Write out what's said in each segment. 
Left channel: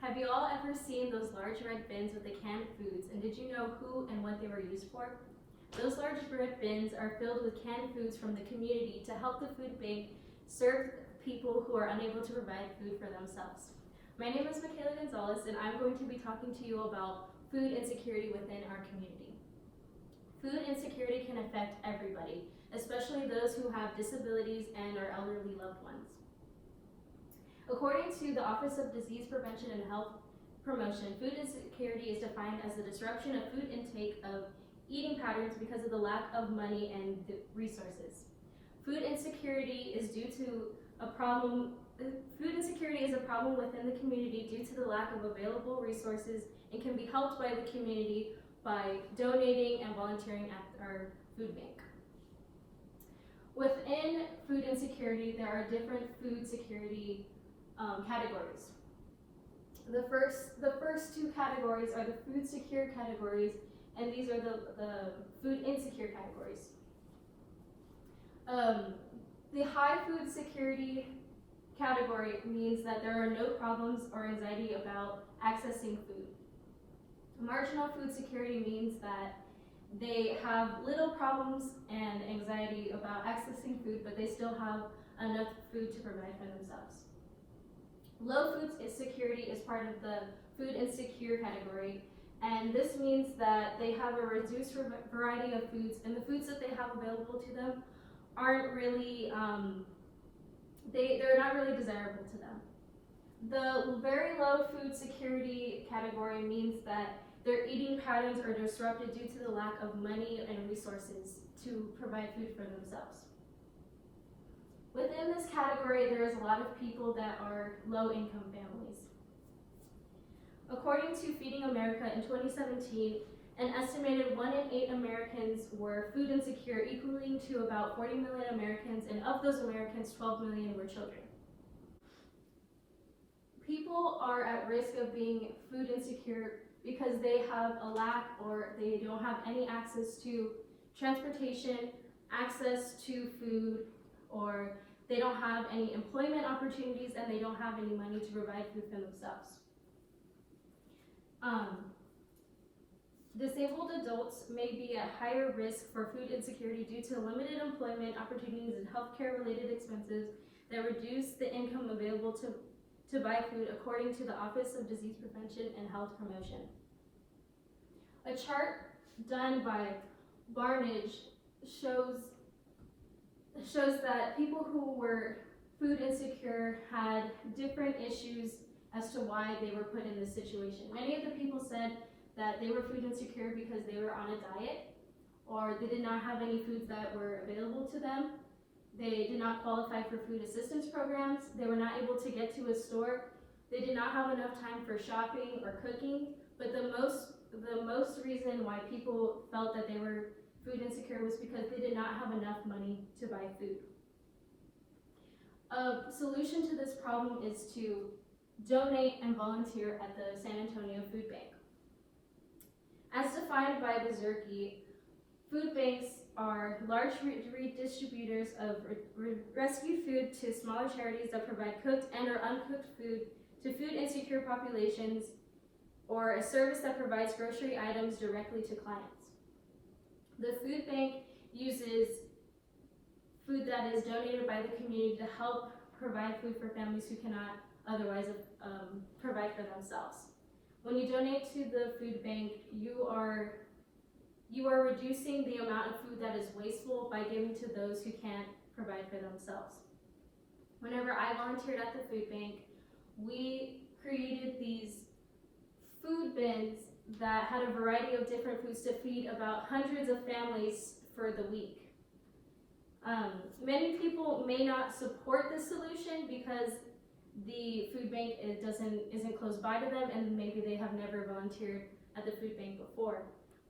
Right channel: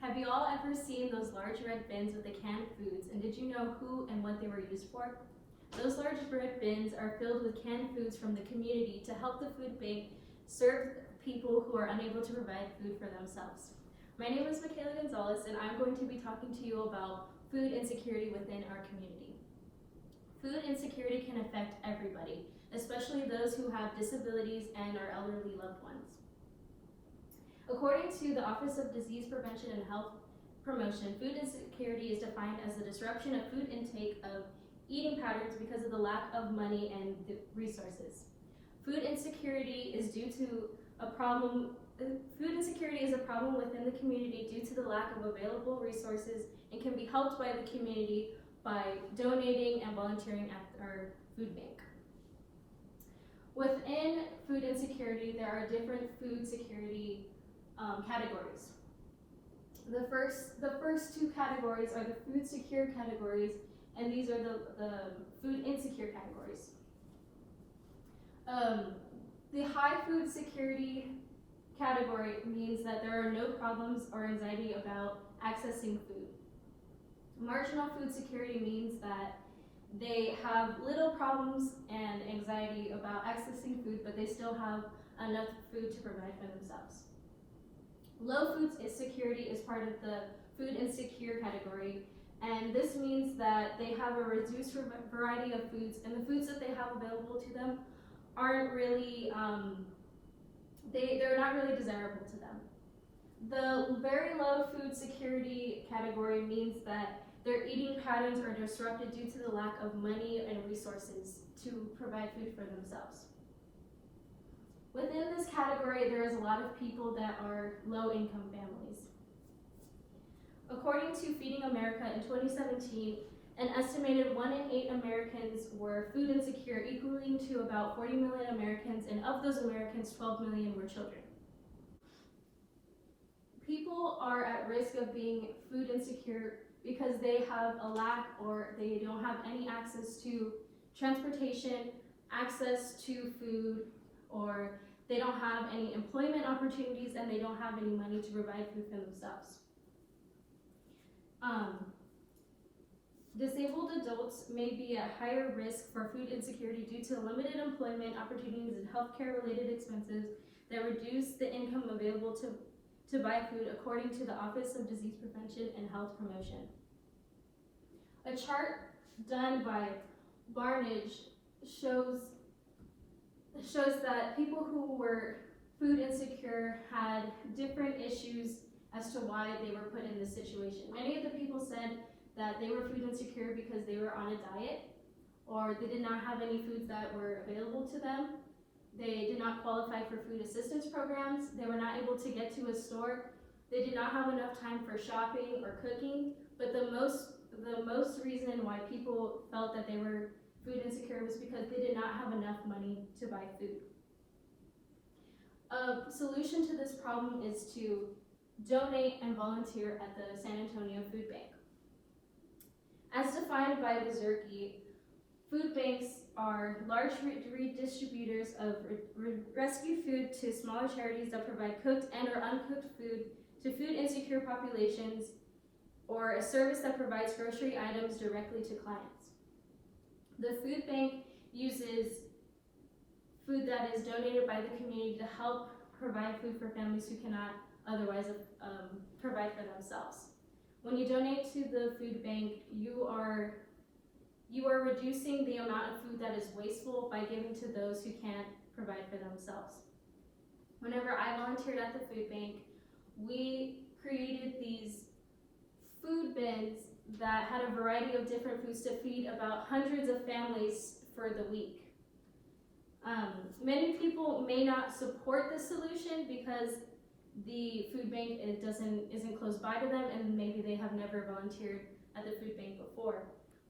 Have you all ever seen those large red bins with the canned foods, and did you know who and what they were used for? Those large red bins are filled with canned foods from the community to help the food bank serve people who are unable to provide food for themselves. My name is Mikaela Gonzales, and I'm going to be talking to you about food insecurity within our community. Food insecurity can affect everybody, especially those who have disabilities and our elderly loved ones. According to the Office of Disease Prevention and Health Promotion, food insecurity is defined as the disruption of food intake of eating patterns because of the lack of money and resources. Food insecurity is a problem within the community due to the lack of available resources and can be helped by the community by donating and volunteering at our food bank. Within food insecurity, there are different food security categories. The first two categories are the food secure categories, and these are the food insecure categories. The high food security category means that there are no problems or anxiety about accessing food. Marginal food security means that they have little problems and anxiety about accessing food, but they still have enough food to provide for themselves. Low food security is part of the food insecure category, and this means that they have a reduced variety of foods, and the foods that they have available to them aren't really, they're not really desirable to them. The very low food security category means that their eating patterns are disrupted due to the lack of money and resources to provide food for themselves. Within this category, there is a lot of people that are low-income families. According to Feeding America in 2017, an estimated 1 in 8 Americans were food insecure, equaling to about 40 million Americans, and of those Americans, 12 million were children. People are at risk of being food insecure because they have a lack or they don't have any access to transportation, access to food, or they don't have any employment opportunities, and they don't have any money to provide food for themselves. Disabled adults may be at higher risk for food insecurity due to limited employment opportunities and healthcare-related expenses that reduce the income available to buy food, according to the Office of Disease Prevention and Health Promotion. A chart done by Barnage shows that people who were food insecure had different issues as to why they were put in this situation. Many of the people said that they were food insecure because they were on a diet, or they did not have any foods that were available to them. They did not qualify for food assistance programs. They were not able to get to a store. They did not have enough time for shopping or cooking. But the most reason why people felt that they were food insecure was because they did not have enough money to buy food. A solution to this problem is to donate and volunteer at the San Antonio Food Bank. As defined by Bezerky, food banks are large redistributors of rescued food to smaller charities that provide cooked and or uncooked food to food insecure populations, or a service that provides grocery items directly to clients. The food bank uses food that is donated by the community to help provide food for families who cannot otherwise provide for themselves. When you donate to the food bank, you are reducing the amount of food that is wasteful by giving to those who can't provide for themselves. Whenever I volunteered at the food bank, we created these food bins that had a variety of different foods to feed about hundreds of families for the week. Many people may not support this solution because the food bank isn't close by to them, and maybe they have never volunteered at the food bank before.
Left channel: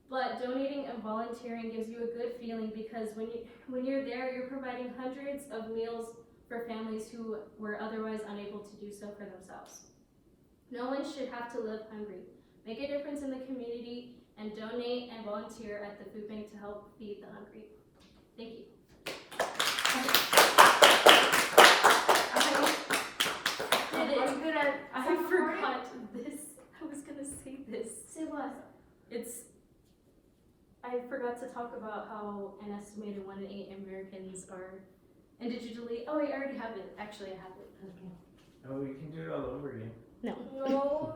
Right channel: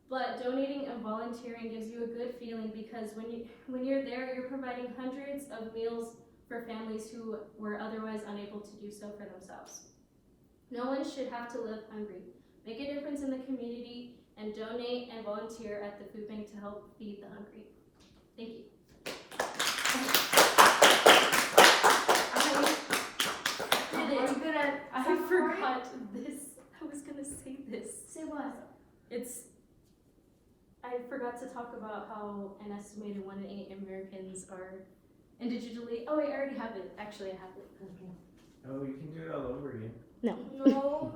But donating and volunteering gives you a good feeling, because when you're there, you're providing hundreds of meals for families who were otherwise unable to do so for themselves. No one should have to live hungry. Make a difference in the community and donate and volunteer at the food bank to help feed the hungry. Thank you. I'm gonna I forgot this. I was gonna say this. Say what? I forgot to talk about how an estimated 1 in 8 Americans are indigitally. Oh wait, I already have it. Actually, I have it. Okay. Oh, you can do it all over again. No. No.